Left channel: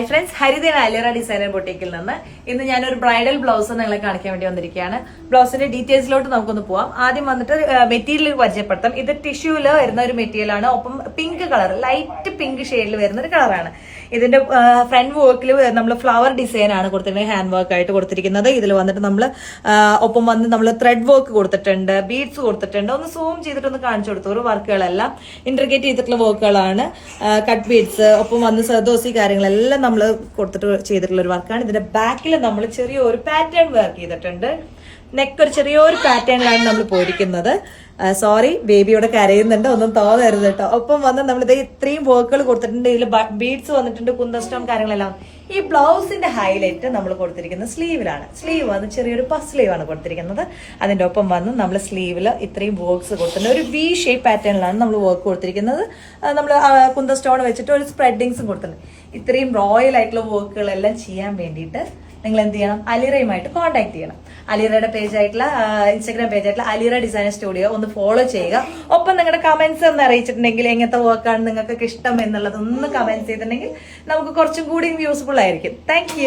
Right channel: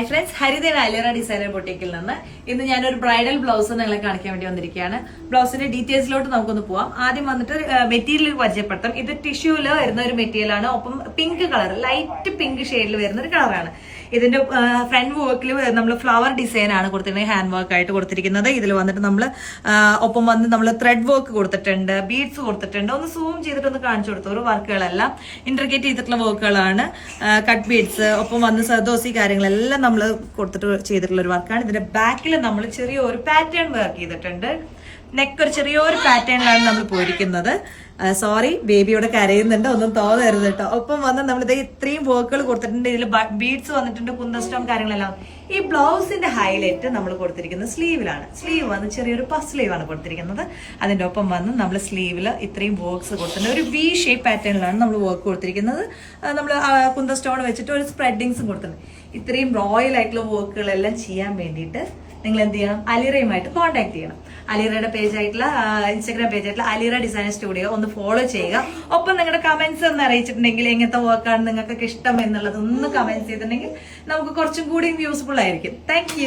Hi friends, ഹരിതേന അലിറ designer ബൊട്ടിക്കിൽ നിന്ന് ഇന്ന് ഞാനൊരു ബ്രൈഡൽ ബ്ലൗസ് നിങ്ങളെ കാണിക്കാൻ വേണ്ടി വന്നിരിക്കുകയാണ്. ബ്ലൗസിന്റെ ഡീറ്റെയിൽസിലോട്ട് നമുക്കൊന്ന് പോവാം. ആദ്യം വന്നിട്ട് മെറ്റീരിയൽ പരിചയപ്പെടുത്താം. ഇത് ടിഷ്യൂല് വരുന്ന ഒരു മെറ്റീരിയൽ ആണ്. ഒപ്പം പിങ്ക് കളർ, ലൈറ്റ് പിങ്ക് ഷെയ്ഡിൽ വരുന്ന ഒരു കളറാണ്. ഇതിന്റെ ഫ്രണ്ട് വർക്കിൽ നമ്മൾ ഫ്ലവർ ഡിസൈൻ ആണ് കൊടുത്തിരിക്കുന്നത്, ഹാൻഡ് വർക്ക് ആയിട്ട് കൊടുത്തിരിക്കുന്നത്. ഇതിൽ വന്നിട്ട് നമ്മൾ ഒപ്പം വന്ന് നമ്മൾ ത്രെഡ് വർക്ക് കൊടുത്തിട്ടുണ്ട്, ബീഡ്സ് കൊടുത്തിട്ടുണ്ട്. ഒന്ന് സൂം ചെയ്തിട്ടൊന്ന് കാണിച്ചു കൊടുത്തു. ഒരു വർക്കുകളെല്ലാം ഇന്റർഗ്രേറ്റ് ചെയ്തിട്ടുള്ള വർക്കുകളാണ്. കട്ട് ബീഡ്സ് ഒപ്പം വന്ന് സർദോസി കാര്യങ്ങളെല്ലാം നമ്മൾ കൊടുത്തിട്ട് ചെയ്തിട്ടുള്ള ഒരു വർക്കാണ്. ഇതിന്റെ ബാക്കിൽ നമ്മൾ ചെറിയൊരു പാറ്റേൺ വർക്ക് ചെയ്തിട്ടുണ്ട്. നെക്ക് ഒരു ചെറിയൊരു പാറ്റേണിലാണ് നമ്മൾ പോയിരിക്കുന്നത്. സോറി, ബേബിയോടെ കരയുന്നുണ്ട്, ഒന്നും തോന്നരുത് കേട്ടോ. ഒപ്പം വന്ന് നമ്മളിത് ഇത്രയും വർക്കുകൾ കൊടുത്തിട്ടുണ്ട്. ഇതിൽ ബീഡ്സ് വന്നിട്ടുണ്ട്, കുന്തസ്റ്റോൺ കാര്യങ്ങളെല്ലാം. ഈ ബ്ലൗസിന്റെ ഹൈലൈറ്റ് നമ്മൾ കൊടുത്തിരിക്കുന്നത് സ്ലീവിലാണ്. സ്ലീവ് വന്ന് ചെറിയൊരു പഫ് സ്ലീവ് ആണ് കൊടുത്തിരിക്കുന്നത്. അതിന്റെ ഒപ്പം വന്ന് നമ്മൾ സ്ലീവിൽ ഇത്രയും വർക്ക്സ് കൊടുത്തിട്ടുണ്ട്. ഒരു വി ഷേപ്പ് പാറ്റേണിലാണ് നമ്മൾ വർക്ക് കൊടുത്തിരിക്കുന്നത്. നമ്മൾ കുന്തസ്റ്റോൺ വെച്ചിട്ട് ഒരു സ്പ്രെഡിങ്സും കൊടുത്തിട്ടുണ്ട്. ഇത്രയും റോയൽ ആയിട്ടുള്ള വർക്കുകളെല്ലാം ചെയ്യാൻ വേണ്ടിയിട്ട് നിങ്ങൾ എന്ത് ചെയ്യണം? അലിറയുമായിട്ട് കോൺടാക്ട് ചെയ്യണം. അലിറയുടെ പേജ് ആയിട്ടുള്ള ഇൻസ്റ്റാഗ്രാം പേജ് ആയിട്ടുള്ള അലിറ ഡിസൈനർ സ്റ്റുഡിയോ ഒന്ന് ഫോളോ ചെയ്യുക. ഒപ്പം നിങ്ങളുടെ കമന്റ്സ് ഒന്ന് അറിയിച്ചിട്ടുണ്ടെങ്കിൽ എങ്ങനത്തെ വർക്കാണ് നിങ്ങൾക്ക് ഇഷ്ടം എന്നുള്ളത് ഒന്ന് കമന്റ് ചെയ്തിട്ടുണ്ടെങ്കിൽ നമുക്ക് കുറച്ചും കൂടി യൂസ്ഫുൾ ആയിരിക്കും. താങ്ക്